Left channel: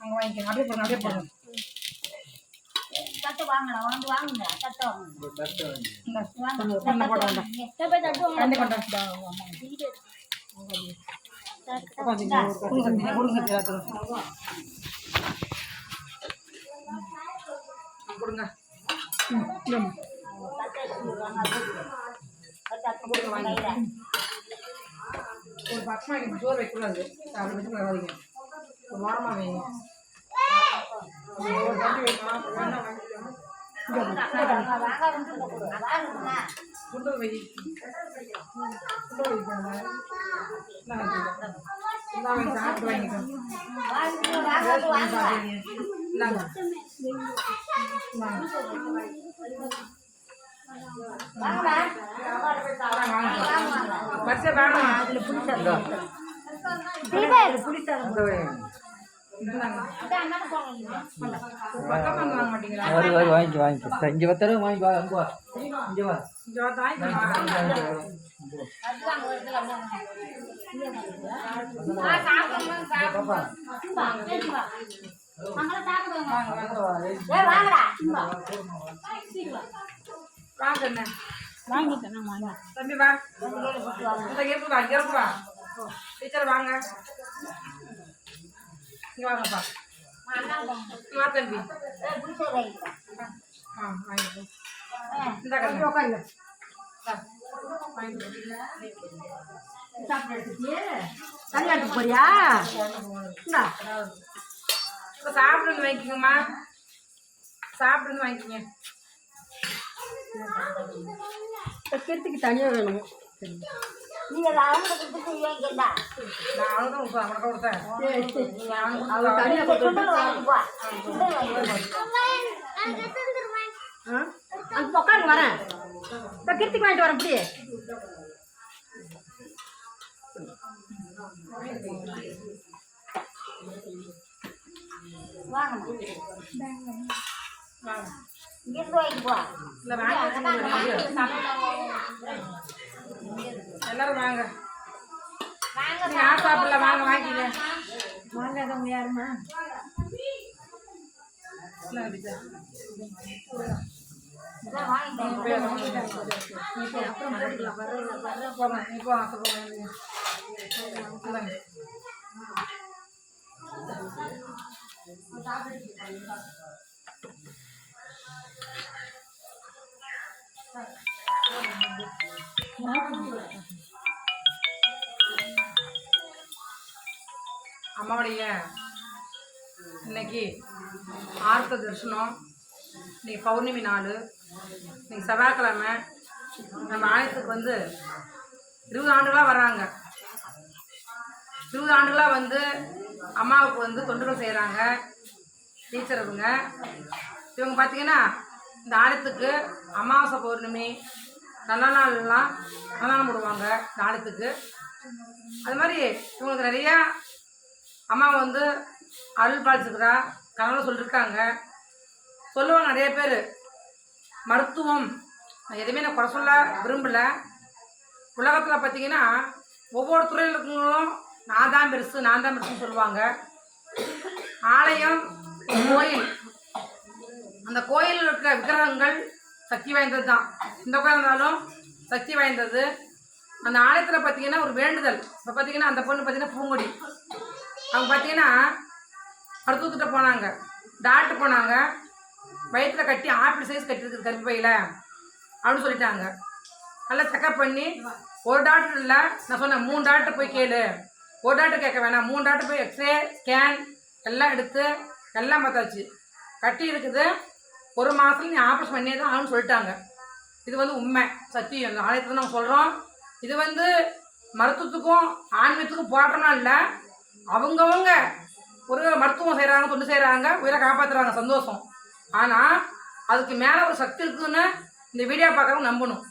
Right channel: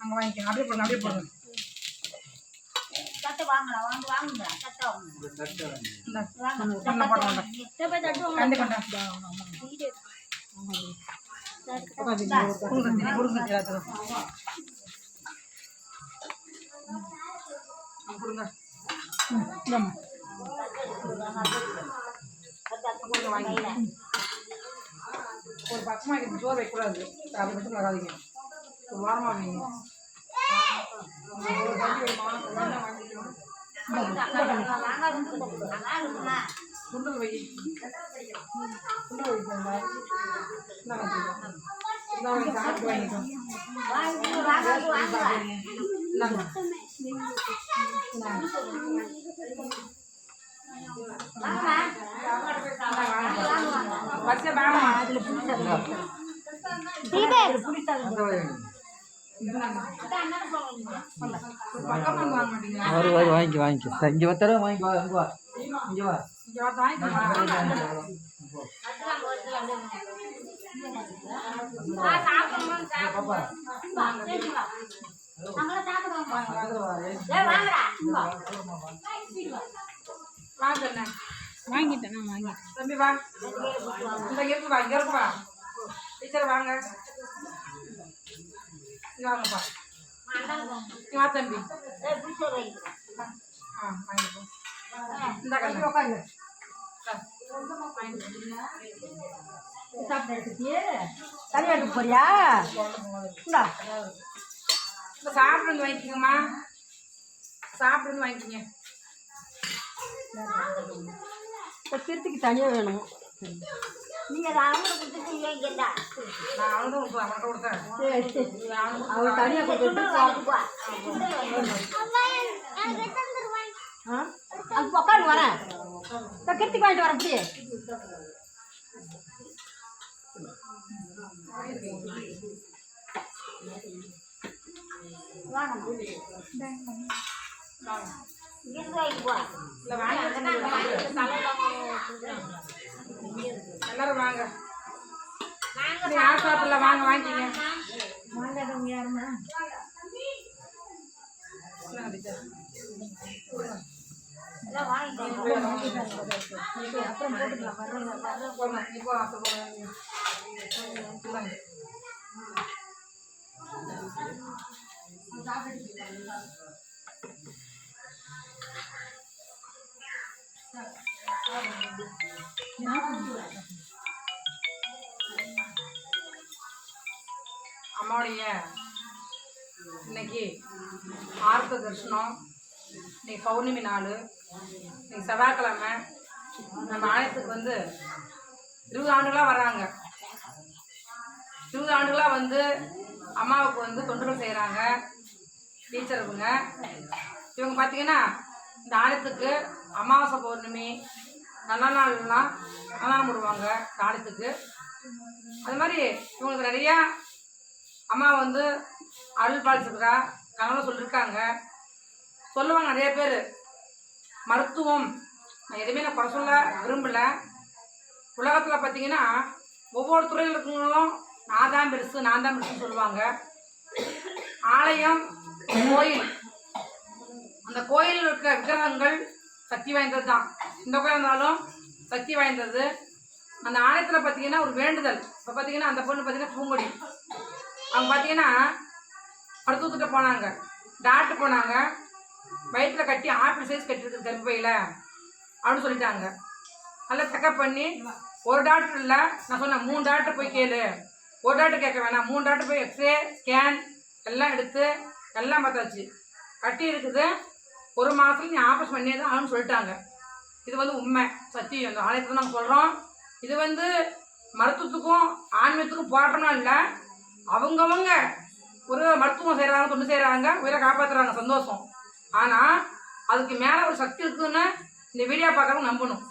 அங்கே வாங்கிக்கோங்க. அப்படியே போடுங்க அப்படியே போடுங்க. தட்டு வாங்கடா வாங்க வாங்குங்க. தட்டை வாங்க. பண்ண தட்டு கண்டி கொண்டா கொடுங்க ம். ஒரு பக்கமாக வைக்கணும் சோறு வைக்கக்கூடாது. அதை வச்சு வராதிங்க. ஒரு வாரமாக வைங்க. ஒரு கஞ்சி வைமா குண்டு வை. குண்டு சாப்பிட்டு வாங்கிக்கோங்க வாங்கிக்க வாங்கிக்க இங்கே பத்திரம் வாங்கி. வா இங்கே வா இங்கே வா இங்கே வந்து வாங்கிக்கோங்க பாப்பா வாங்க அண்ணே. வாங்கிட்டேன் நான் வாங்கிட்டேன். தம்பி வா. இந்த இருக்கு வா இங்க இருக்கு வா டீச்சர் வாங்க. இங்க வாங்கப்பா வா தம்பி. ஆ வாங்கிப்போ இந்த கண்ணு. உட்காந்து தனியாட்டு போறியா? சாப்பிடுங்க வாங்கிக்கோங்கம்மா. சாப்பிடுங்க வாங்கிக்கோங்க. கிருத்திக்கு தனியாக வேணும்? நீங்க அவனுக்கு கொடுத்துட்டு இவன் கேட்டா நான் கொடுப்பேன் அவனுக்கு கொடுத்தேன். அவன் தனியாக கொடுத்து வாங்கிக்குவா ஆ? அது உட்காந்து வரேன். கிருத்திக்கு வாங்கிட்டு வரேன் அப்படியே வாங்கம்மா. இங்கிருந்து வாங்கிக்குவா இல்லை வாங்கி வச்சுக்கோங்க. எல்லாரும் வாங்க. யார் சாப்பிடல? வாங்க. வாங்கிக்கங்க. வாங்காதவங்க யாருமா. அப்புறம் போட்டுக்கலாம் போங்க இன்னைக்கு ஆர்த்த தரிசனம். இன்னைக்கு பௌர்ணமி நாள் இன்னைக்கு செவ்வாய்க்கிழமை நம்ம ஆலயத்துக்கு வந்து இருபது ஆண்டுகளாக வராங்க இருபது ஆண்டுகளாக வந்து அம்மாவுக்கு வந்து தொண்டுகள் செய்கிறாங்க டீச்சர் இவங்க. இவங்க பார்த்தீங்கன்னா இந்த ஆலயத்துக்கு அமாவாசை பௌர்ணமி நல்ல நாள்லாம் அன்னதானம் போடுவாங்க இந்த ஆலயத்துக்கு. அது மாதிரி இவங்களுக்கு நிறையா அம்மா வந்து அருள் பாலிச்சுக்கிறா கனவுல சொல்லியிருக்காங்க சொல்லுவாங்க நிறைய பேர். மருத்துவம் நான் எதுவுமே நான் குறை சொல்ல விரும்பலை. உலகத்தில் பார்த்தீங்கன்னா ஒவ்வொரு துறையில் இருக்கவங்களும் நான் தான் பெருசு நான் தான் பெருசுன்னு சொல்லுவாங்க. ஆலயம் கோயில். அந்த கோயிலில் இருக்கிற விக்கிரகங்கள் சக்தி வாய்ந்தது தான். இந்த கோயில் இருந்தாலும் சக்தி வாய்ந்தது. அந்த ஆலயத்தில் பார்த்தீங்கன்னா ஒரு வேண்டுதல். இப்போ பார்த்தீங்கன்னா அந்த பொண்ணு பார்த்தீங்கன்னா பூங்கொடி. அவங்க பார்த்தீங்கன்னா மருத்துவத்திட்ட போனாங்க. டாக்டர் போனாங்க. வயிற்றில் கட்டி ஆப்பிள் சைஸ் கட்டிருக்கு கர்ப்பையில். அப்படின்னு சொல்லிட்டாங்க. நல்லா செக்கப் பண்ணி ஒரு டாக்டர் இல்லை நான் சொன்னேன் மூணு டாக்டர் போய் கேளு. ஒரு டாக்டர் கேட்க வேணாம். மூணு டாக்டர் போய் எக்ஸ்ரே ஸ்கேன் எல்லாம் எடுத்து எல்லாம் பார்த்தாச்சு. கட்டி இருக்குது. ஒரு மாதத்துல நீ ஆப்ரேஷன் பண்ணியே தான் ஆகணும்னு சொல்லிட்டாங்க. இது வந்து உண்மை சத்தியம். இந்த ஆலயத்தில் நம்ம சொல்கிறோம் இது வந்து மருத்துவத்துக்கும் ஆன்மீகத்துக்கும் போராட்டம்லாம் இல்லை. அவங்கவங்க ஒரு மருத்துவம் செய்கிறாங்க தொண்டு செய்கிறாங்க உயிரை காப்பாற்றுறாங்க சந்தோஷம். ஆனால் அதுக்கு மேலே ஒரு சக்தி இருக்குதுன்னு இந்த வீடியோ பார்க்குறவங்க நம்பணும்.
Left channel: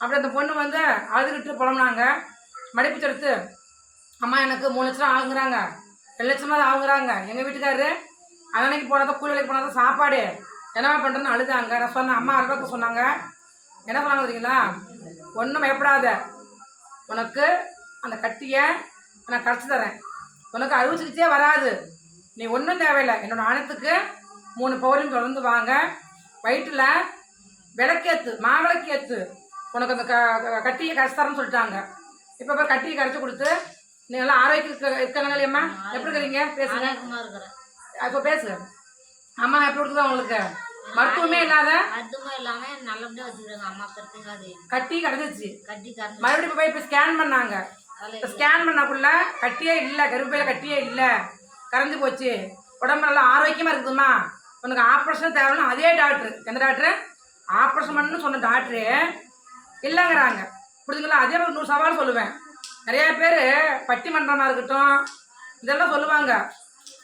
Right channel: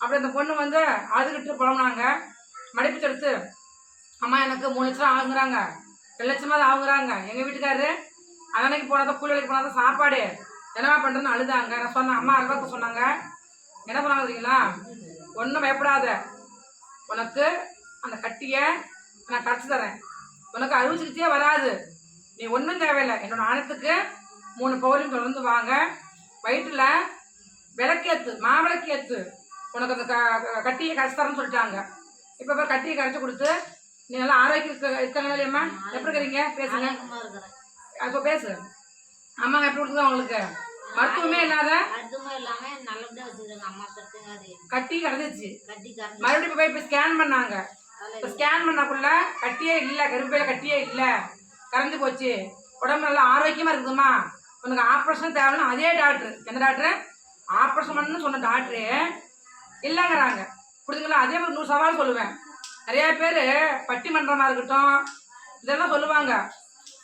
அப்படி அந்த பொண்ணு வந்து அழுதுகிட்டு புலம்புனாங்க. மடிப்பு எடுத்து அம்மா எனக்கு மூணு லட்சம் ஆகுங்கிறாங்க. ரெண்டு லட்சமாக தான் ஆகுங்கிறாங்க. எங்கள் வீட்டுக்காரரு அன்னைக்கு போனால் கூலி வேலைக்கு போனால் தான் சாப்பாடு என்னம்மா பண்ணுறேன்னு அழுதாங்க. நான் சொன்னேன் அம்மா அறுபத்து சொன்னாங்க. என்ன சொன்னாங்க தெரியுங்களா? ஒன்றும் பயப்படாத. உனக்கு அந்த கட்டியை நான் கரைச்சி தரேன் உனக்கு அறுவை சிகிச்சையே வராது. நீ ஒன்றும் தேவையில்லை. என்னோட ஆணத்துக்கு மூணு பௌரியம் தொடர்ந்து வாங்க. வயிற்றில் விளக்கேத்து மாவிளக்கேத்து. உனக்கு அந்த க கட்டியை கரைச்சி சொல்லிட்டாங்க. இப்போ போய் கட்டியை கரைச்சி கொடுத்து நீ நல்லா ஆரோக்கியம் இருக்க இருக்காங்க இல்லையம்மா எப்படி இருக்கிறீங்க? பேசுங்க. இப்போ பேசு. அம்மா எப்படி இருக்குது உங்களுக்கு மருத்துவமே இல்லாத மருத்துவம் இல்லாம நல்லபடியா வச்சுக்கிறாங்க. அம்மா பெருத்துங்க அது. கட்டி கறந்து மறுபடியும் போய் இப்போ ஸ்கேன் பண்ணாங்க. இப்போ ஸ்கேன் பண்ணக்குள்ள கட்டியே இல்லை கருப்பையில் கட்டியே இல்லை. கரைஞ்சு போச்சு. உடம்பு நல்லா ஆரோக்கியமாக இருக்குதும்மா. உனக்கு ஆப்ரேஷன் தேவைன்னா அதே டாக்டர் எந்த டாக்டரு ஆப்ரேஷன் பண்ணு சொன்ன டாக்டரு இல்லைங்கிறாங்க. புரிஞ்சுங்களா? அதே மாதிரி நூறு சவால் சொல்லுவேன். நிறையா பேர் பட்டிமன்றமாக இருக்கட்டும் இதெல்லாம் சொல்லுவாங்க.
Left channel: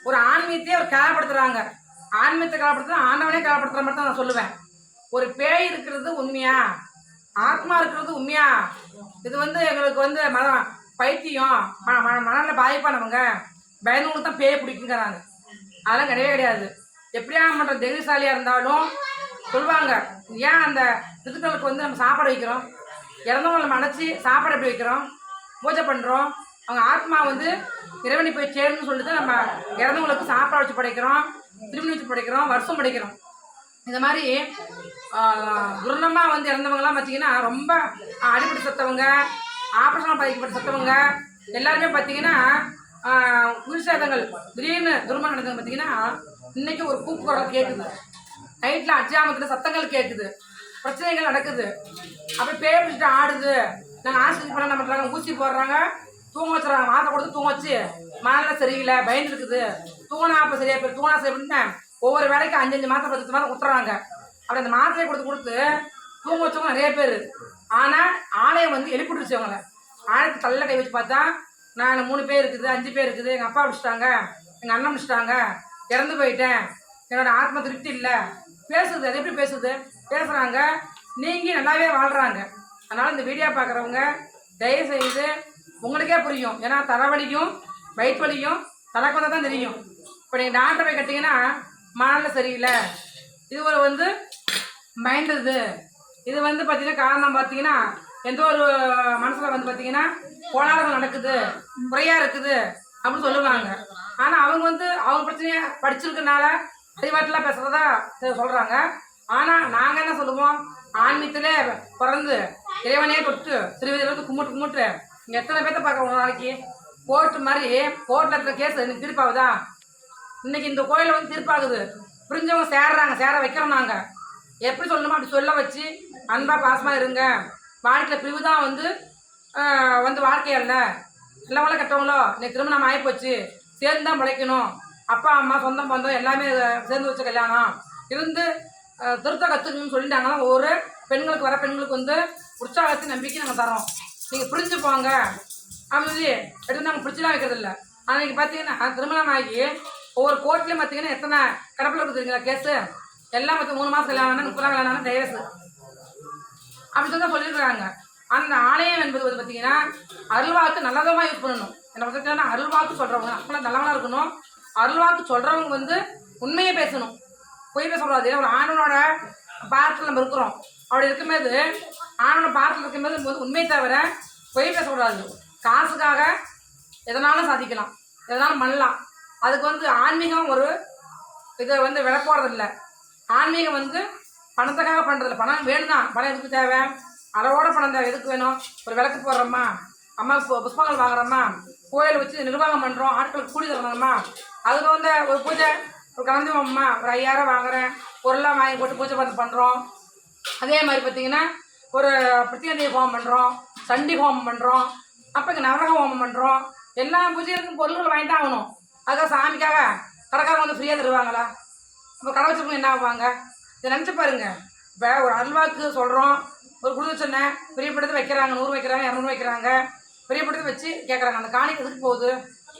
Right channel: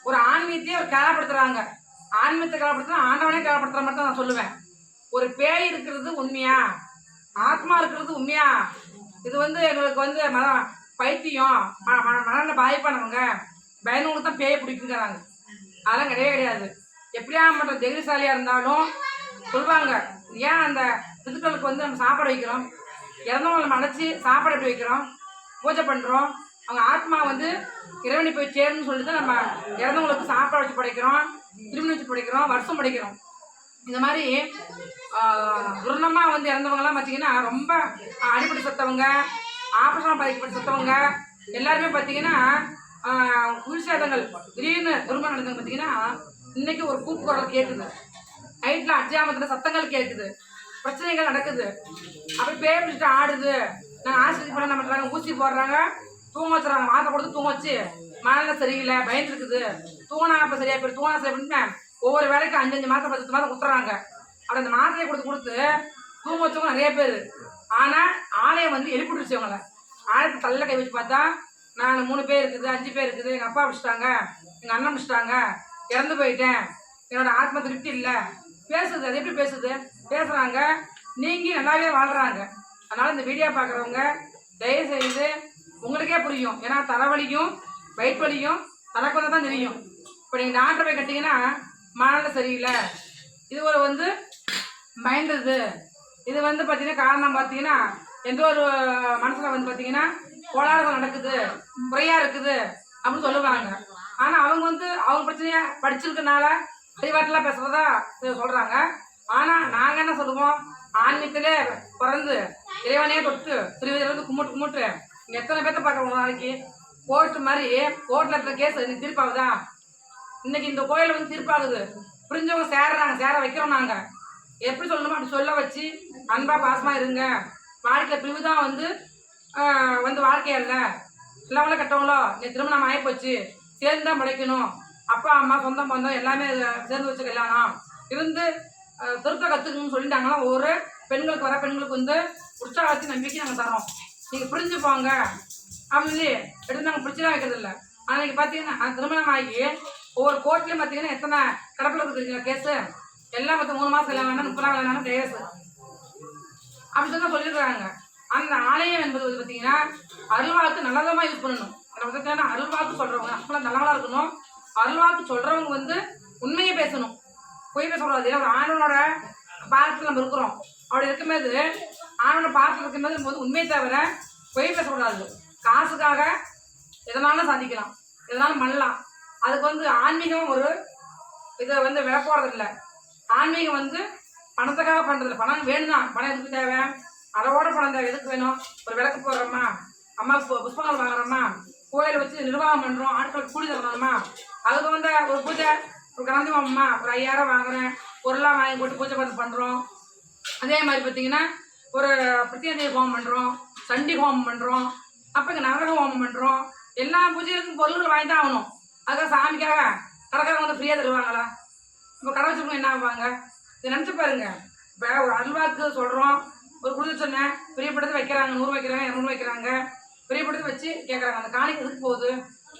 ஒரு ஆன்மீகத்தையே ஒரு கேளப்படுத்துகிறாங்க ஆன்மீகத்தை கேளப்படுத்துனா ஆண்டவனே கேளப்படுத்துகிற மாதிரி தான் நான் சொல்லுவேன். ஒரு பேய் இருக்கிறது உண்மையா? ஆத்மா இருக்கிறது உண்மையா? இது வந்து எங்களுக்கு வந்து மதம் பைத்தியம். ம ம மனநிலை பாதிப்பானவங்க. பயந்தவங்களுக்கு தான் பேய பிடிக்குங்கிறாங்க. அதெல்லாம் கிடையவே கிடையாது. எப்படியா பண்ணுற தைரியசாலியாக இருந்தாலும் சொல்லுவாங்க ஏன் அந்த பிதுக்களுக்கு வந்து நம்ம சாப்பாடு வைக்கிறோம்? இறந்தவங்களை நம்ம அடைச்சி சாப்பாடு எப்படி வைக்கிறோம்? பூஜை பண்ணுறோம் அவங்க ஆத்மா வந்து இறைவனை போய் சேருன்னு சொல்லிட்டு தான் நம்ம இறந்தவங்களுக்கு சாப்பாடு வச்சு படைக்கிறோம் திருமணம் வச்சு படைக்கிறோம் வருஷம் படைக்கிறோம். இந்த மாதிரி துர்ணமாக வந்து இறந்தவங்கலாம் பார்த்தீங்கன்னா ரொம்ப அடிப்பட்டு செத்தவங்க ஆபரேஷன் பாதிக்கப்பட்ட செத்தவங்க எல்லாருமே பார்த்தீங்கன்னா உயிர்சேதங்கள் திடீர்னு துர்மணம் நடந்தது பார்த்தீங்கன்னா இன்னைக்கு ஒரு கூப்பு குரல் கேட்குது நைட்டில் அஜாமத்தில் சத்தங்கள் கேட்குது பிரச்சனைகள் நடக்குது. அப்படி பேர் பிடிச்சிட்டு ஆடுது. நாங்கள் ஆஸ்பத்திரி பண்ண என்ன பண்ணுறாங்க ஊசி போடுறாங்க. தூங்க வச்சுறாங்க. மாத்திரை கொடுத்து தூங்க வச்சு மனநிலை சரியில்லை பயந்துருக்குது தூணா அப்போ சரியா போய் தூணா சரி அப்படின்னு ஒவ்வொரு வேலைக்கு அஞ்சு அஞ்சு மாதம் பத்து மாதம் கொடுத்துறாங்க. அப்படி அந்த மாத்திரையை கொடுத்து கொடுத்து தூங்க வச்சவங்க நிறைய பேர். ஆனால் ஆலயம் வந்து எழுப்பிட்டுருச்சு அவங்கள ஆலயத்தை தள்ள கை வச்சு பார்த்தா நான் மூணு பேர் இருக்குது அஞ்சு பேர் இருக்குது எங்கள் அப்பா பிடிச்சிட்டாங்க எங்கள் அண்ணன் பிடிச்சிட்டாங்க இறந்து போயிட்டேன் என்னோட ஆத்ம திருப்தி இல்லை. பேசுது அது எப்படி பேசுது பேசுகிறாங்க நீங்கள் நல்லாவே வாழ்கிறாங்க அதனால் இந்த வீடியோ பார்க்குறவங்க தயவு செய்து உங்களுக்கே புரியும். ஏன்னா தலைவலியும் வயிற்று வலியும் தனக்கு தான் தெரியும். இப்போ நீங்கள் டாக்டர் போய் கட்டிங்கன்னா மனநிலை சரியில்லை. இது ஒரு வந்து மைண்ட் இது. இது வந்து பார்த்தீங்கன்னா காரணம் பார்த்தீங்கன்னா எந்த ஒரு மனசில் வந்து பார்த்தீங்கன்னா கோளாறுகள் நடக்குது குறையாக இருக்குது அப்படின்னு சொல்லுவாங்க. ஆனால் அவங்க வந்து அவங்க பிரச்சனையை படிச்சிருக்கனால அறிவாட்டெலாம் பேசுகிறதா சொல்கிறாங்க ஆனால் நாங்கள் என்ன சொல்லுவோம்? ஆன்மீகத்திலே பிறந்து இறைவனே தொட்டு திருவிதிலிருந்து கும்பிட்டு கும்பிட்டு இங்கே எத்தனை பேர்த்த பார்க்குறோம் ஒரு நாளைக்கு? கோர்ட்டு மாதிரி கோர்ட்டில் இருக்கிற கேஸ் இன்னைக்கு தீர்ப்பாகுதா? இன்னைக்கு இந்த கோயிலில் வந்து தீர்ப்பாகுது. புரிஞ்சவங்க சேர்றாங்க சேர வைக்கிறோம் நாங்கள் எப்படி சொல்லணுமோ அப்படி சொல்ல வச்சு அன்பாக பாசமாக இருங்க. வாழ்க்கையில் பிரிவு தான் வந்து வந்து வாழ்க்கை அல்ல. நல்லவங்களோ கெட்டவங்களோ இன்னைக்கு திருமணம் ஆகிப்போச்சு சேர்ந்து தான் பிழைக்கணும். அப்பா அம்மா சொந்தம் பந்தம் எல்லாமே சேர்ந்து வச்ச கல்யாணம். இருந்து திருத்த கற்றுக்கணும்னு சொல்லிட்டாங்கன்னா ஒவ்வொரு பெண்களுக்கு வர பெண்களுக்கு வந்து உற்சாகத்தை நம்பிக்கை நாங்கள் தரோம் நீங்கள் புரிஞ்சு போங்க. அப்படின்னு எடுத்து நாங்கள் பிடிச்சலாம் வைக்கிறதில்ல. ஆனால் இன்னைக்கு பார்த்தீங்கன்னா திருமணம் ஆகி ஒவ்வொரு கோர்ட்லேயும் பார்த்தீங்கன்னா எத்தனை கடப்பில் இருக்குதுங்களா கேஸு? எல்லாம் பற்றி மூணு மாதம் கல்யாணம் முப்பது நாள் கல்யாணம் டைவர்ஸ் அப்படின்னு தான் சொல்லியிருக்கிறாங்க அந்த ஆலயம் என்பது வந்து பார்த்தீங்கன்னா அருள்வாக்கு நல்லதமாக யூஸ் பண்ணணும். என்ன பார்த்தீங்கன்னா அருள்வாக்கு சொல்கிறவங்க அப்பெல்லாம் நல்லவங்களாக இருக்கணும். அருள்வாக்கு சொல்கிறவங்க வந்து உண்மையை பேசணும். பொய் பேசக்கூடாது. ஏன்னா ஒரு ஆணவனோட பாரத்தில் நம்ம இருக்கிறோம். அப்படி இருக்கும்போது ஆணவனோட பாரத்தில் இருக்கும்போது வந்து உண்மையை தவிர பொய் பேசக்கூடாது. காசுக்காக எதனாலும் சாதிக்கலாம். எதனாலும் பண்ணலாம். அதுக்கு வந்து ஆன்மீகம் ஒரு இதை வந்து விலை போடுறதில்ல ஆன்மீகம் வந்து பணத்துக்காக பண்ணுறது பணம் வேணும் தான் பணம் எதுக்கு தேவை? அளவோட பணம் தேவை. எதுக்கு வேணும்? ஒரு விளக்கு போடுறோமா? அம்மா புஷ்பங்கள் வாங்குறோமா? கோயிலை வச்சு நிர்வாகம் பண்ணுறோம் ஆட்களுக்கு கூலி தரணுமா? அதுக்கு வந்து ஒரு பூஜை ஒரு கலந்துமாம்மா ஒரு ஐயாயிரம் வாங்குறேன். பொருளாக வாங்கி போட்டு பூஜை பார்த்து பண்ணுறோம் அதே மாதிரி பார்த்தீங்கன்னா ஒரு பிரத்யேக ஹோமம் பண்ணுறோம் சண்டி ஹோமம் பண்ணுறோம் அப்போ இங்கே நரக ஹோமம் பண்ணுறோம் எல்லா பூஜைகளுக்கும் பொருள்கள் வாங்கி தான் ஆகணும். அதுக்காக சாமிக்காக கடைக்காரங்க வந்து ஃப்ரீயாக தருவாங்களா? இப்போ கடை வச்சிருக்கவங்க என்ன ஆவாங்க? இதை நினச்சி பாருங்க. இப்போ ஒரு அல்வாக்கு சொல்கிறோம் ஒரு குடும்ப சொன்னேன் பெரியப்படுத்து வைக்கிறாங்க நூறு வைக்கிறாங்க இரநூறு வைக்கிறாங்க. பெரியப்படுத்து வச்சு கேட்குறாங்க அந்த காணி எதுக்கு போகுது?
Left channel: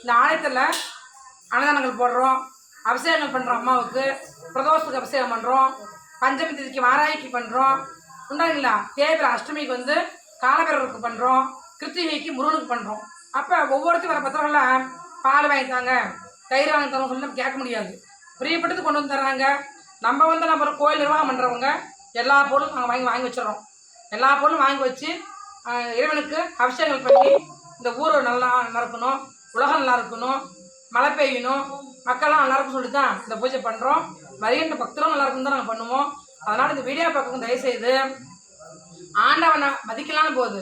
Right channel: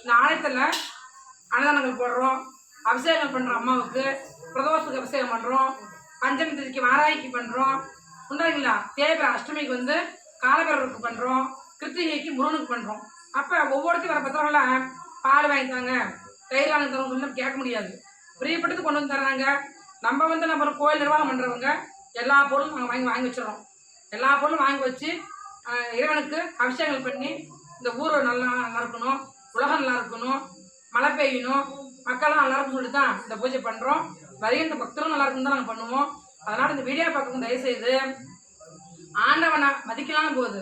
இந்த ஆலயத்தில் அன்னதானங்கள் போடுறோம். அபிஷேகங்கள் பண்ணுறோம் அம்மாவுக்கு. பிரதோஷத்துக்கு அபிஷேகம் பண்ணுறோம் பஞ்சமி திதிக்கு வாராய்க்கு பண்ணுறோம் உண்டாங்களா தேவை அஷ்டமிக்கு வந்து காலபிரருக்கு பண்ணுறோம் கிருத்திகைக்கு முருகனுக்கு பண்ணுறோம் அப்போ ஒவ்வொருத்தையும் வர பத்திரம்லாம் பால் வாங்கி தாங்க தயிர் வாங்கி தரோம் சொல்லி நம்ம கேட்க முடியாது. பிரியப்பட்டது கொண்டு வந்து தர்றாங்க. நம்ம வந்து நம்ம ஒரு கோயில் நிர்வாகம் பண்ணுறவங்க எல்லா பொருளும் நாங்கள் வாங்கி வாங்கி வச்சிடறோம். எல்லா பொருளும் வாங்கி வச்சு இறைவனுக்கு அபிஷேகங்கள் பண்ணி இந்த ஊர் நல்லா நல்லா இருக்கணும் உலகம் நல்லா இருக்கணும் மழை பெய்யணும் மக்கள்லாம் நல்லா இருக்கும் சொல்லி தான் இந்த பூஜை பண்ணுறோம் வருகின்ற பக்தரும் நல்லா இருக்கும் தான் நாங்கள் பண்ணுவோம். அதனால் இந்த வீடியோ பார்க்கணும் தயவுசெய்து ஆண்டவனை மதிக்கலாம்னு போகுது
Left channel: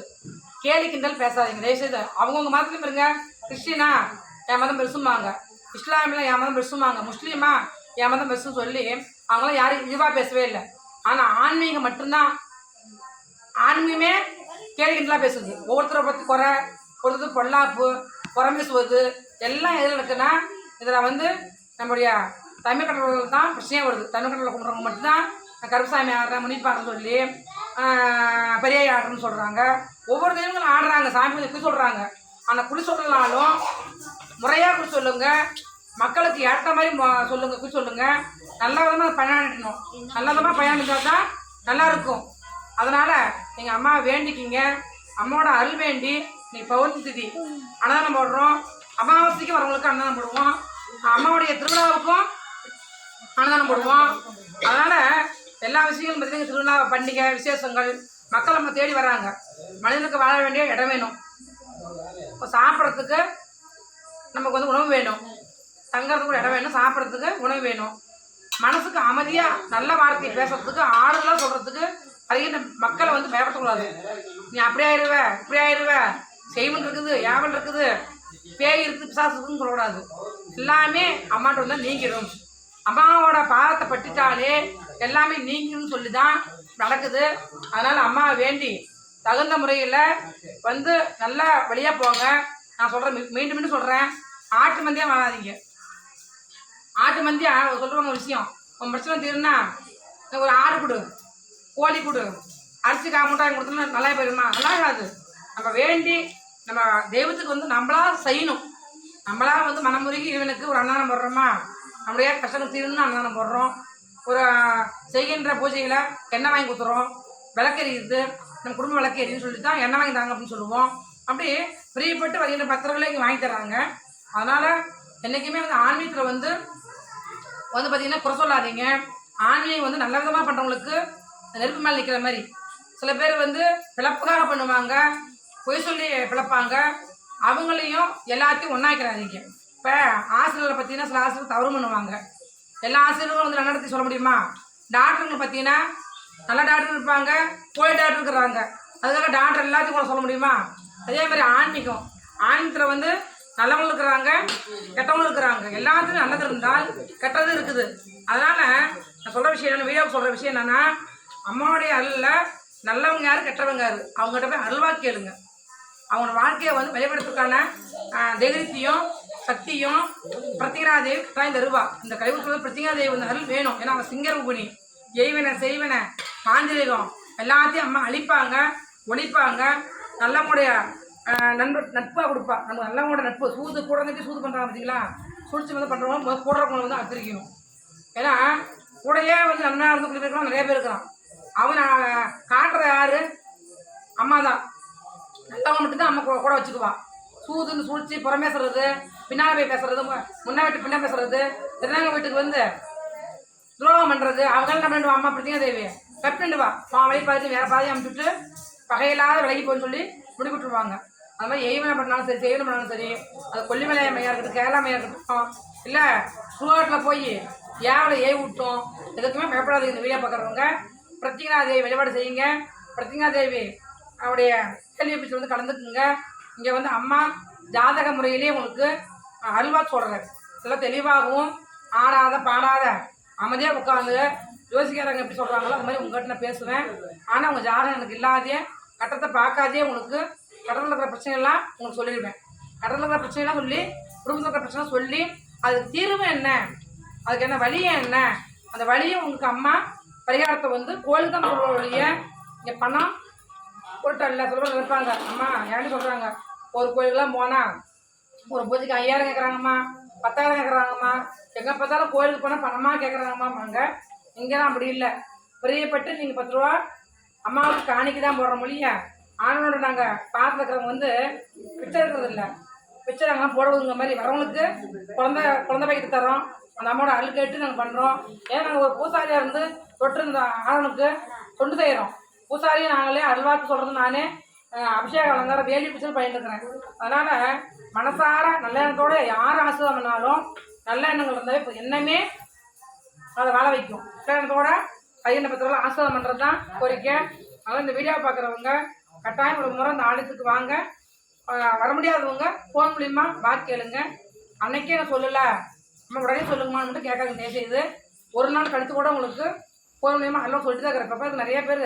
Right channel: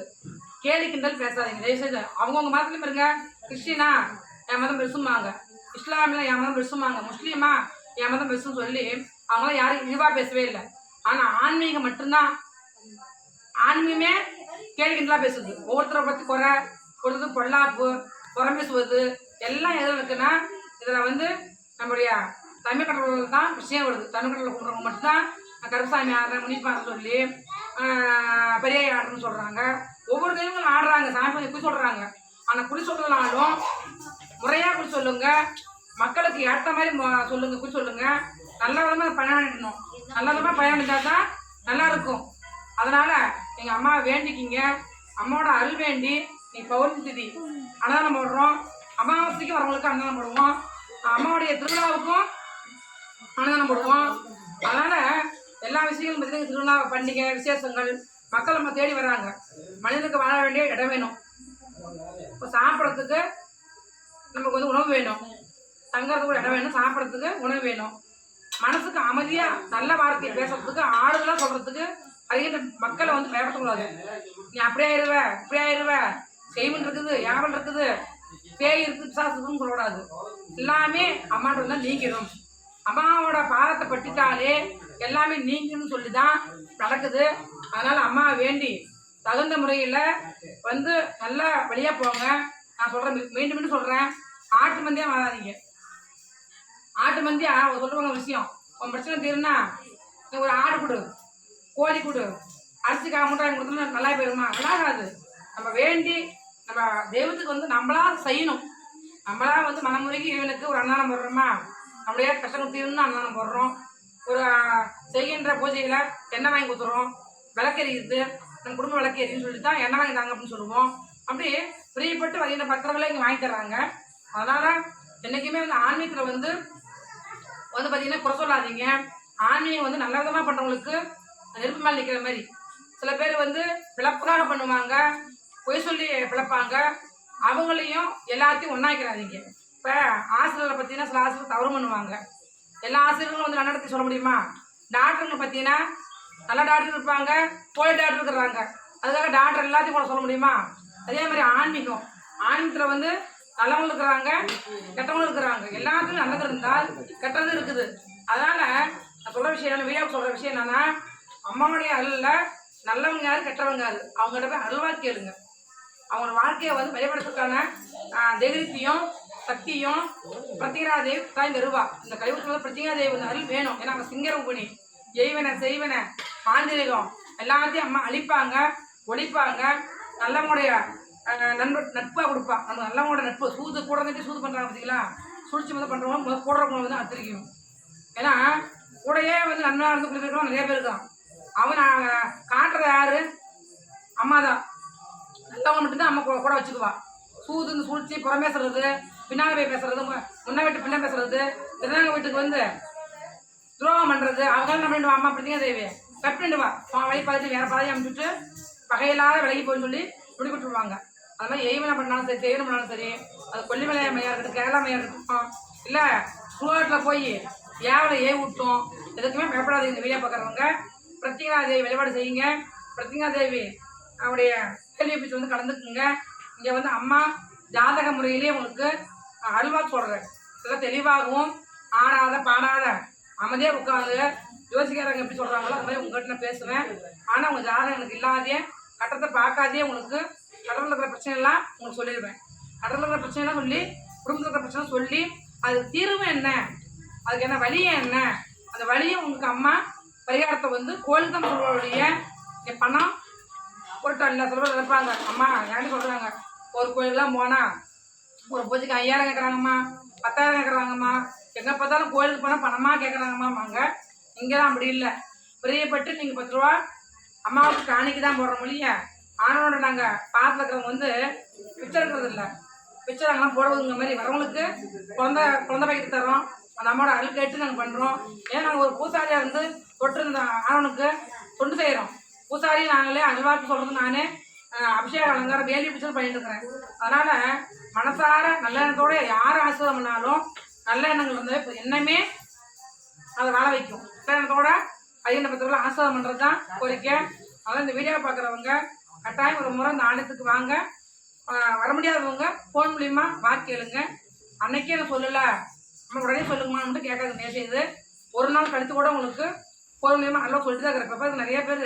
கேலி கிண்டல் பேசாதீங்க. தயவுசெய்து அவங்கவுங்க மதத்துலையும் இருங்க. கிறிஸ்டினா என் மதம் பெருசும்பாங்க. இஸ்லாமில் என் மதம் பெருசும்பாங்க. முஸ்லீமா என் மதம் பெருசுன்னு சொல்லி அவங்களாம் யாரும் இழிவாக பேசவே இல்லை. ஆனால் ஆன்மீகம் மட்டும்தான் ஆன்மீகமே கேள்விகளாக பேசுது. ஒவ்வொருத்தரை பற்றி குறை ஒருத்தர் பொல்லாப்பு புறம் பேசுவது எல்லாம் எதில் இருக்குன்னா இதில் வந்து நம்முடைய தமிழ் கடவுள் தான் பிரச்சனையே வருது. தமிழ் கடவுளை கும்பிட்றவங்க மட்டும்தான் கருப்பசாமி ஆடுறேன் முனிப்பாருன்னு சொல்லி ஆஹ், பெரிய ஆடுறேன்னு சொல்கிறாங்க ஒவ்வொரு தெய்வங்களும் ஆடுறாங்க. சாமி கொஞ்சம் குறி சொல்கிறாங்க ஆனால் குறி சொல்லனாலும் முறையாக குறி சொல்லுங்கள் மக்களுக்கு ஏற்ற மாதிரி சொல்லுங்கள் சொல்லுங்க குறி நல்ல விதமாக பயணிடணும் நல்ல விதமாக பயணிச்சா தான் நல்லா இருக்கும் அதனால் எங்கள் அம்மா வேண்டிக்கிங்க. அம்மாவோட அருள் வேண்டி நீ பௌர்ணமி திதி அன்னதானம் போடுறோம். அமாவாசைக்கு வரவங்களுக்கு அன்னதானம் போடுவோம். அம்மாவுடைய திருவிழாவுக்கும் அன்னதானம் போடுவோம். அதனால் எல்லா விஷயங்களும் பார்த்தீங்கன்னா திருவிழா பண்டிகை விசேஷங்கள் மக்கள் நம்ம தேடி வராங்க. மனிதனுக்கு வாழ வேண்டிய இடம் வேணும். இப்போ சாப்பிட்றதுக்கு நமக்கு வந்து உணவு வேணும். தங்கறதுக்கு ஒரு இடம் வேணும். சாப்பிட்றதுக்கு உணவு வேணும். மனசுக்கு அமைதியாக நல்ல வார்த்தையை பேசுறதுக்கு ஆறுதலாக சொல்கிறதுக்கு அதிக மக்களை வந்து பயப்படுத்தக்கூடாது. நீ அப்படி ஆயிடுவ இப்படி ஆயிடுவ செய்வன் இருக்குது யாவல் இருக்குது பேய் இருக்குது பிசாசு இருக்குன்னு சொல்லக்கூடாது. எல்லாமே அம்மாட்ட வந்து நீங்கிடும். அம்மாவோட பாதத்தை பட்டிட்டாலே எல்லாமே நீங்கிடும் சொல்லி தான் நடக்குது. அதனால் அம்மா வேண்டி தகுந்த முறையில் வந்து நல்லா வெளியே போங்க. நான் சொல்கிறேன் மீண்டும் மீண்டும் சொல்கிறேன் ஆட்டு மந்தியாக வாழாதீங்க ஆட்டு மந்தி சொல்லுவாங்க விஷயம். உன் பிரச்சனை தீருனா எனக்கு ஒரு ஆடு கொடு கோழி கொடு அரிசி கா மூட்டை வாங்கி கொடுத்தோம்னா நல்லா போயிருமா? நல்லா ஆகாது நம்ம வேண்டி நம்ம தெய்வத்துக்கு வந்து நம்மளா செய்யணும். நம்மளா வந்து மனமுருகி இவனுக்கு ஒரு அன்னதானம் போடுறோமா? நம்மளுடைய கஷ்டங்கள் தீருன்னு அன்னதானம் போடுறோம். ஒரு செய்கின்ற பூஜையில் எண்ணெய் வாங்கி கொடுத்துறோம். விளக்கெரியுது நம்ம குடும்ப விளக்கெரின்னு சொல்லி தான் எண்ணெய் வாங்கி தாங்க அப்படின்னு சொல்லுவோம். அப்படி பிரியப்பட்டு வருகின்ற பத்திரங்களை இங்கே வாங்கி தர்றாங்க. அதனால் என்றைக்குமே வந்து ஆன்மீகத்தில் வந்து வந்து பார்த்தீங்கன்னா குறை சொல்லாதீங்க. ஆன்மீகம் வந்து நல்ல விதமாக பண்ணுறவங்களுக்கு நெருப்பு மேலே நிற்கிற மாதிரி. சில பேர் வந்து பிழப்புக்காக பண்ணுவாங்க. பொய் சொல்லி பிளப்பாங்க அவங்களையும் எல்லாத்தையும் ஒன்றாக்கிறாதீங்க இப்போ ஆசிரியர்களை பார்த்தீங்கன்னா சில ஆசிரியர் தவறு பண்ணுவாங்க. எல்லா ஆசிரியர்களும் வந்து நல்ல நடத்தி சொல்ல முடியுமா? டாக்டருங்க பார்த்தீங்கன்னா நல்ல டாக்டர் இருப்பாங்க. போய் டாக்டர் இருக்கிறாங்க. அதுக்காக டாக்டர் எல்லாத்தையும் கூட சொல்ல முடியுமா? அதே மாதிரி ஆன்மீகம். ஆன்மீகத்தில் வந்து நல்லவங்களும் இருக்கிறாங்க கெட்டவங்களும் இருக்கிறாங்க. எல்லாத்துலையும் நல்லது இருந்தால் கெட்டது இருக்குது. அதனால் நான் சொல்கிற விஷயம் என்ன வீடியோவுக்கு சொல்கிற விஷயம் என்னென்னா அம்மாவுடைய அருளில் நல்லவங்க யார் கெட்டவங்க யார்? அவங்ககிட்ட போய் அருள்வாக்கி கேளுங்க. அவங்களோட வாழ்க்கையை வந்து வெளிப்படுத்துறதுக்கான தைரியத்தையும் சக்தியும் பிரத்திகராதேவி தான் இந்த கலிபுரத்தில் இந்த பிரத்திகரா தேவி வந்து அருள் வேணும். ஏன்னா அவங்க சிங்க உபனி எய்வன செய்வன மாந்திரிகம் எல்லாத்தையும் அம்மா அழிப்பாங்க ஒழிப்பாங்க. நல்லவங்களுடைய நண்பர் நட்பாக கொடுப்பா. நம்ம நல்லவங்களோட நட்பு. சூது கூட இருந்துட்டு சூது பண்ணுறாங்க பார்த்தீங்களா சுழிச்சு வந்து பண்ணுறவங்க முதல் போடுறவங்க வந்து அத்திரிக்கணும் ஏன்னா கூடயே வந்து நன்மையாக இருந்து குடிக்கிறவங்க நிறைய பேர் இருக்கிறான் அவன் காட்டுற காட்டுறது யாரு? அம்மா தான் நல்லவங்க மட்டும்தான் அம்மா கூட- வச்சுக்குவா. சூதுன்னு சூழ்ச்சி புறமேசுறது பின்னால் போய் பேசுறது முன்னா வீட்டு பின்னா பேசுறது திருநாங்க வீட்டுக்கு வந்து துரோகம் பண்ணுறது அவங்க என்ன பண்ணிடுவா அம்மா அப்படிங்க தேவி. தப்பிண்டுவா அவன் வழி பார்த்து வேற பாதையை அனுப்பிச்சுட்டு பகையில்லாத விலகி போய் சொல்லி முடிவிட்டுருவாங்க அது மாதிரி எய்வனை பண்ணாலும் சரி செய்வனை பண்ணாலும் சரி அது கொல்லிமலை அம்மையாக இருக்கட்டும் கேரளா அம்மையாக இருக்கட்டும் இல்லை சுடுகாட்டில் போய் ஏவலை ஏ விட்டோம் எதுக்குமே பயப்படாது இந்த வீடியோ பார்க்குறவங்க. பிரத்திங்கா தேவி வழிபாடு செய்யுங்க. பிரத்திங்கா தேவி அவருடைய கேள்வி வந்து கலந்துக்குங்க. இங்கே வந்து அம்மா ஜாதக முறையிலே உங்களுக்கு அல்வா சொல்கிறேன் நல்லா தெளிவாகவும் ஆடாத பாடாத அமைதியாக உட்காந்து யோசிக்கிறாங்க எப்படி சொல்கிறாங்களோ அந்த மாதிரி உங்கள்கிட்ட நான் பேசுவேன். ஆனால் உங்கள் ஜாதகம் எனக்கு இல்லாதே கட்டத்தை பார்க்காதே உங்களுக்கு கடலில் இருக்கிற பிரச்சனைலாம் உங்களுக்கு சொல்லிடுவேன். கடலில் இருக்கிற பிரச்சனைலாம் சொல்லி குடும்பத்தில் இருக்கிற பிரச்சனை சொல்லி அதுக்கு தீர்வு என்ன? அதுக்கு என்ன வழி என்ன? அந்த வழியை உங்களுக்கு அம்மா பரிகாரத்தை வந்து கோயிலுக்கு தான் சொல்லுவோடைய இங்கே பணம் பொருட்கள் இல்லை சில இருப்பாங்க அம்மா ஏன்ட்டு சொல்கிறாங்க ஒரு கோயிலுக்குலாம் போனால் ஒரு பூஜைக்கு ஐயாயிரம் கேட்குறாங்கம்மா பத்தாயிரம் கேட்குறாங்கம்மா எங்கே பார்த்தாலும் கோயிலுக்கு போனால் பணமாக கேட்குறாங்கம்மா கேட்குறாங்கம்மாங்க இங்கெல்லாம் அப்படி இல்லை. பிரியப்பட்டு நீங்கள் பத்து ரூபா அம்மாவுக்கு காணிக்கு தான் போடுற மொழியை? ஆனோட நாங்கள் பார்த்து இருக்கிறவங்க வந்து பிச்சை இருக்கிறது இல்லை. பிச்சை நாங்கள்லாம் போடுவதுங்க மாதிரி வரவங்களுக்கு குழந்த குழந்த பைக்கிட்டு தரோம் அந்த அம்மாவோட அழு கேட்டு நாங்கள் பண்ணுறோம் ஏன்னா நாங்கள் ஒரு பூசாரியாக இருந்து தொட்டு இருந்த ஆணவனுக்கு தொண்டு செய்கிறோம் பூசாரியை நாங்களே அருள்வாக்கு சொல்கிறது நானே அபிஷேக அலங்காரம் வேலி பிடிச்சது பண்ணிட்டு இருக்கிறேன். அதனால் மனசார நல்ல எண்ணத்தோடு யார் ஆசிர்வாதம் பண்ணாலும் நல்ல எண்ணங்கள் இருந்தாவே என்னமே அதை வாழ வைக்கும். நல்ல எண்ணத்தோட பையனை பத்திரம் ஆசிர்வாதம் பண்ணுறது தான் கோரிக்கை. அதனால் இந்த வீடியோ பார்க்குறவங்க கட்டாயம் ஒரு முறை இந்த ஆலயத்துக்கு வாங்க. வர முடியாதவங்க ஃபோன் மூலியமா வாக்கு கேளுங்க. அன்னைக்கே நான் சொல்லலை. நம்ம உடனே சொல்லுங்கம்மான்னு மட்டும் கேட்காது தயவுசெய்து ஒரு நாள் கழித்து கூட உங்களுக்கு ஃபோன் மூலியமா நல்லா சொல்லிட்டு தான் இருக்கிற இப்போ நிறைய பேர்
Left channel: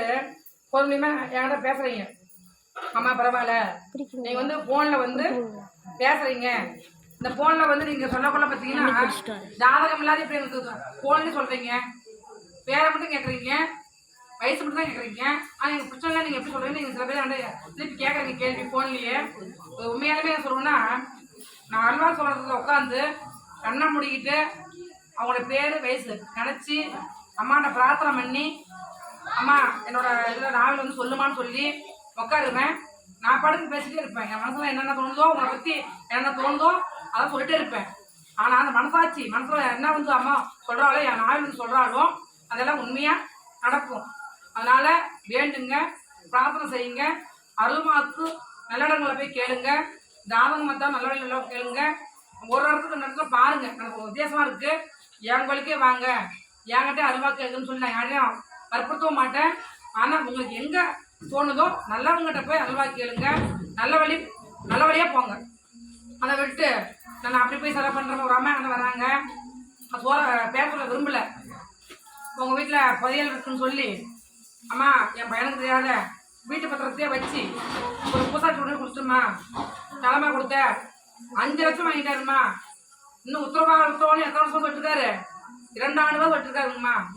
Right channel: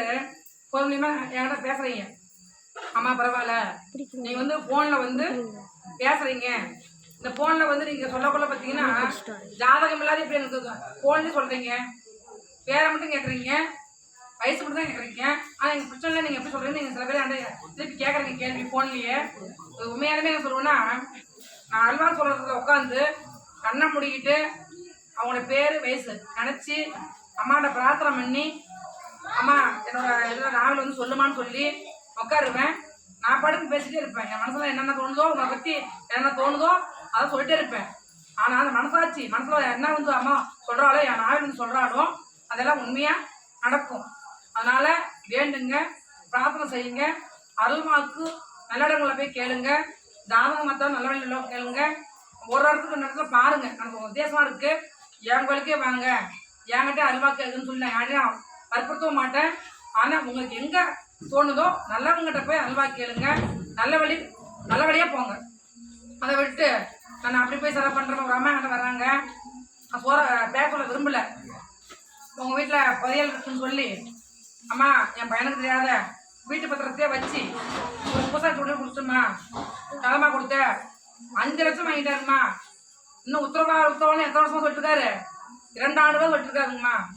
ஃபோன் மூலியமா என்கிட்ட பேசுகிறீங்க அம்மா பரவாயில்ல. நீங்க வந்து ஃபோனில் வந்து பேசுறீங்க. இந்த ஃபோனில் வந்து நீங்கள் சொல்லக்குள்ள பார்த்தீங்கன்னா ஜாதகம் இல்லாத இப்படி எனக்கு ஃபோன்லேயும் சொல்கிறீங்க பேரை மட்டும் கேட்குறீங்க வயசு மட்டும் தான் கேட்குறீங்க ஆனால் எனக்கு பிரச்சனை நீங்கள் எப்படி சொல்கிறீங்க நீங்கள் சில பேர் திருப்பி கேட்குறீங்க கேள்வி ஃபோன்லேயே உண்மையாலுமே என்ன சொல்லுவேன்னா நான் அல்வா சொல்கிறதுல உட்காந்து கண்ணை முடிக்கிட்டு அவங்களோட பேர் வயசு நினச்சி அம்மாட்ட பிரார்த்தனை பண்ணி அம்மா என்னோட இதில் நாவல் வந்து சொல்லுமான்னு சொல்லி உட்காருவேன் நான் பாட்டுக்கு பேசிட்டே இருப்பேன். என் மனசில் என்னென்ன தோணுதோ உங்களை பற்றி என்னென்ன தோணுதோ அதை சொல்லிட்டே இருப்பேன். ஆனால் அந்த மனசாட்சி மனசில் என்ன வந்து அம்மா சொல்கிறாளோ என் நாவல் வந்து சொல்கிறாளோ அதெல்லாம் உண்மையாக நடக்கும். அதனால் வேண்டுங்க பிரார்த்தனை செய்யுங்க அருள்மாக்கு நல்லடங்களை போய் கேளுங்க தாதகம் மத்தா நல்ல நல்ல கேளுங்க. ஒரு இடத்துக்கு ரெண்டு இடத்துல பாருங்க எனக்கு உத்தேசமாக இருக்குது என் வழிக்கே வாங்க என்கிட்ட அருள்வா கேட்குன்னு சொல்லி நான் யாரையும் வற்புறுத்தவும் மாட்டேன். ஆனால் உங்களுக்கு எங்கே தோணுதோ நல்லவங்ககிட்ட போய் அல்வா கேளுங்க. நல்ல வழி நல்ல வழியாக போங்க. அதை விட்டு நான் அப்படி போய் செலவு பண்ணுறேன் ஒரு அம்மா என்கிட்ட வராங்க. நான் சோற பேச விரும்பலை. உங்கள் வீட்டில் புதையல் இருக்குன்னு சொல்லி அம்மா என் பையனுக்கு தெரியாத. வீட்டு பத்திரத்தையே வச்சு ஒரு பூசாட்சி உடனே கொடுத்துருமா. தலைமா கொடுத்த. அஞ்சு லட்சம் வாங்கிட்டாருமா இன்னும் உத்தரவா உத்தரவான்னு எத்தனை வருஷம் சொல்லிட்டு இரண்டு ஆண்டு தான்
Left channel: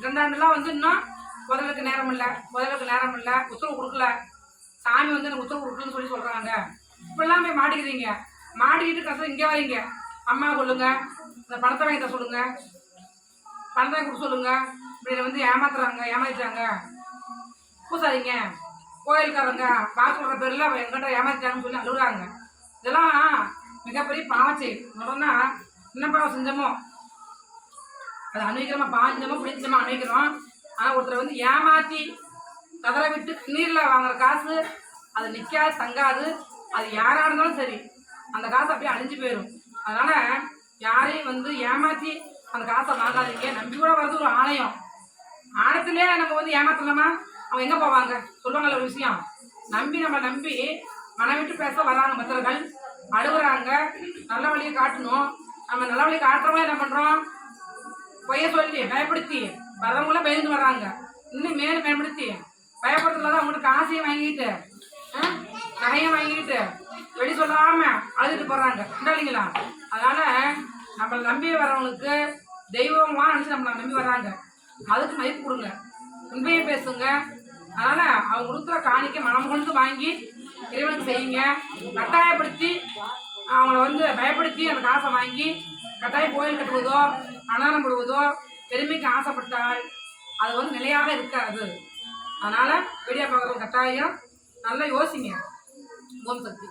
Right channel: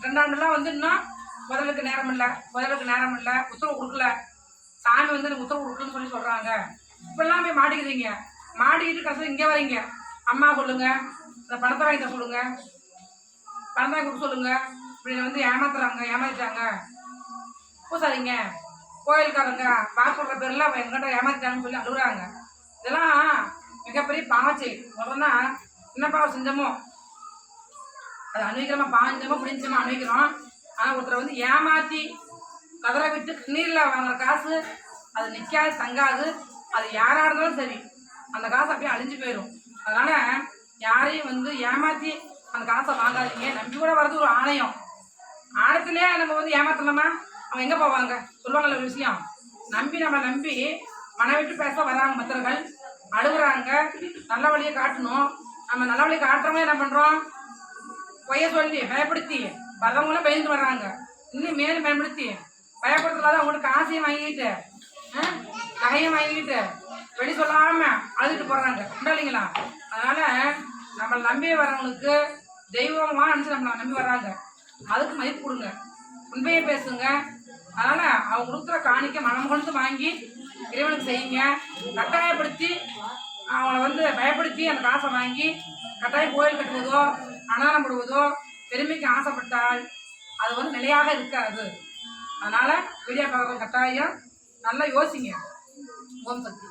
இரண்டு ஆண்டுலாம் வந்து இன்னும் முதலுக்கு நேரம் இல்லை. முதலுக்கு நேரம் இல்லை. உத்தரவு கொடுக்கல. சாமி வந்து எனக்கு உத்தரவு கொடுக்கலன்னு சொல்லி சொல்கிறாங்க இப்படிலாம் போய் மாட்டிக்கிறீங்க. மாட்டிக்கிட்டு கஷ்டம் இங்கே வரீங்க. அம்மா சொல்லுங்க இந்த பணத்தை வாங்கி தர சொல்லுங்க. பணத்தை கொடுக்க சொல்லுங்க. இப்படி வந்து ஏமாத்துறாங்க ஏமாத்திட்டாங்க. பூசாரிங்க கோயில்காரங்க பார்க்க சொல்கிற அவன் எங்கிட்ட ஏமாத்திட்டாங்கன்னு சொல்லி அழுகுறாங்க. இதெல்லாம் மிகப்பெரிய பாவச்சை உடனே என்ன பாவம் செஞ்சோமோ? அது அனுபவிக்கிறோமா பாஞ்சமோ பிடிச்சமா அனுபவிக்கிறோம் ஆனால் ஒருத்தரை வந்து ஏமாற்றி கதரை விட்டு கண்ணீரில் வாங்குற காசு அது நிற்காது தங்காது. அது யாராக இருந்தாலும் சரி அந்த காசு அப்படியே அழிஞ்சு போயிடும் அதனால் யாரையும் வந்து ஏமாற்றி அந்த காசை வாங்காதீங்க. நம்பி கூட வர்றது ஒரு ஆணையம். ஆணத்திலே நம்ம வந்து ஏமாத்தலாமா அவங்க எங்கே போவாங்க? சொல்லுவாங்கல்ல ஒரு விஷயம். நம்பி நம்ம நம்பி மன விட்டு பேச வராங்க மற்றவர்கள் அழுகுறாங்க. நல்ல வழியை காட்டணும். நம்ம நல்ல வழியை காட்டுறவங்க என்ன பண்ணுறோம் பொய்ய சொல்லி பயப்படுத்தி வர்றவங்களும் பயந்து வர்றாங்க. இன்னும் மேலும் பயன்படுத்தி பயப்படுத்தலாத அவங்கள்ட்ட காசையும் வாங்கிட்டு நகையும் வாங்கிட்டு வெடி சொல்லாம அழுதுட்டு போடுறாங்க உண்டா இல்லைங்களா? அதனால நம்மளை நம்பி வர்றவங்களுக்கு தெய்வமாக நினச்சி நம்மளை நம்பி வர்றாங்க. அதுக்கு மதிப்பு கொடுங்க. உண்மையை பேசுங்க. அதனால அவங்க கொடுக்குற காணிக்க மனம் கொண்டு வாங்கி இறைவனுக்கு செய்யுங்க. கட்டாயப்படுத்தி அவங்கள வந்து பயப்படுத்தி அந்த காசை வாங்கி கட்டாயம் கோயில் கட்டுவதோ அன்னதானம் போடுவதோ பெருமைக்கு ஆசைப்பட்டால் அது வந்து நிலையாக இருக்காது. அதனால் வீடியோ பார்க்குறவங்க கட்டாயம் நல்லா யோசிங்க. ஓம் சக்தி.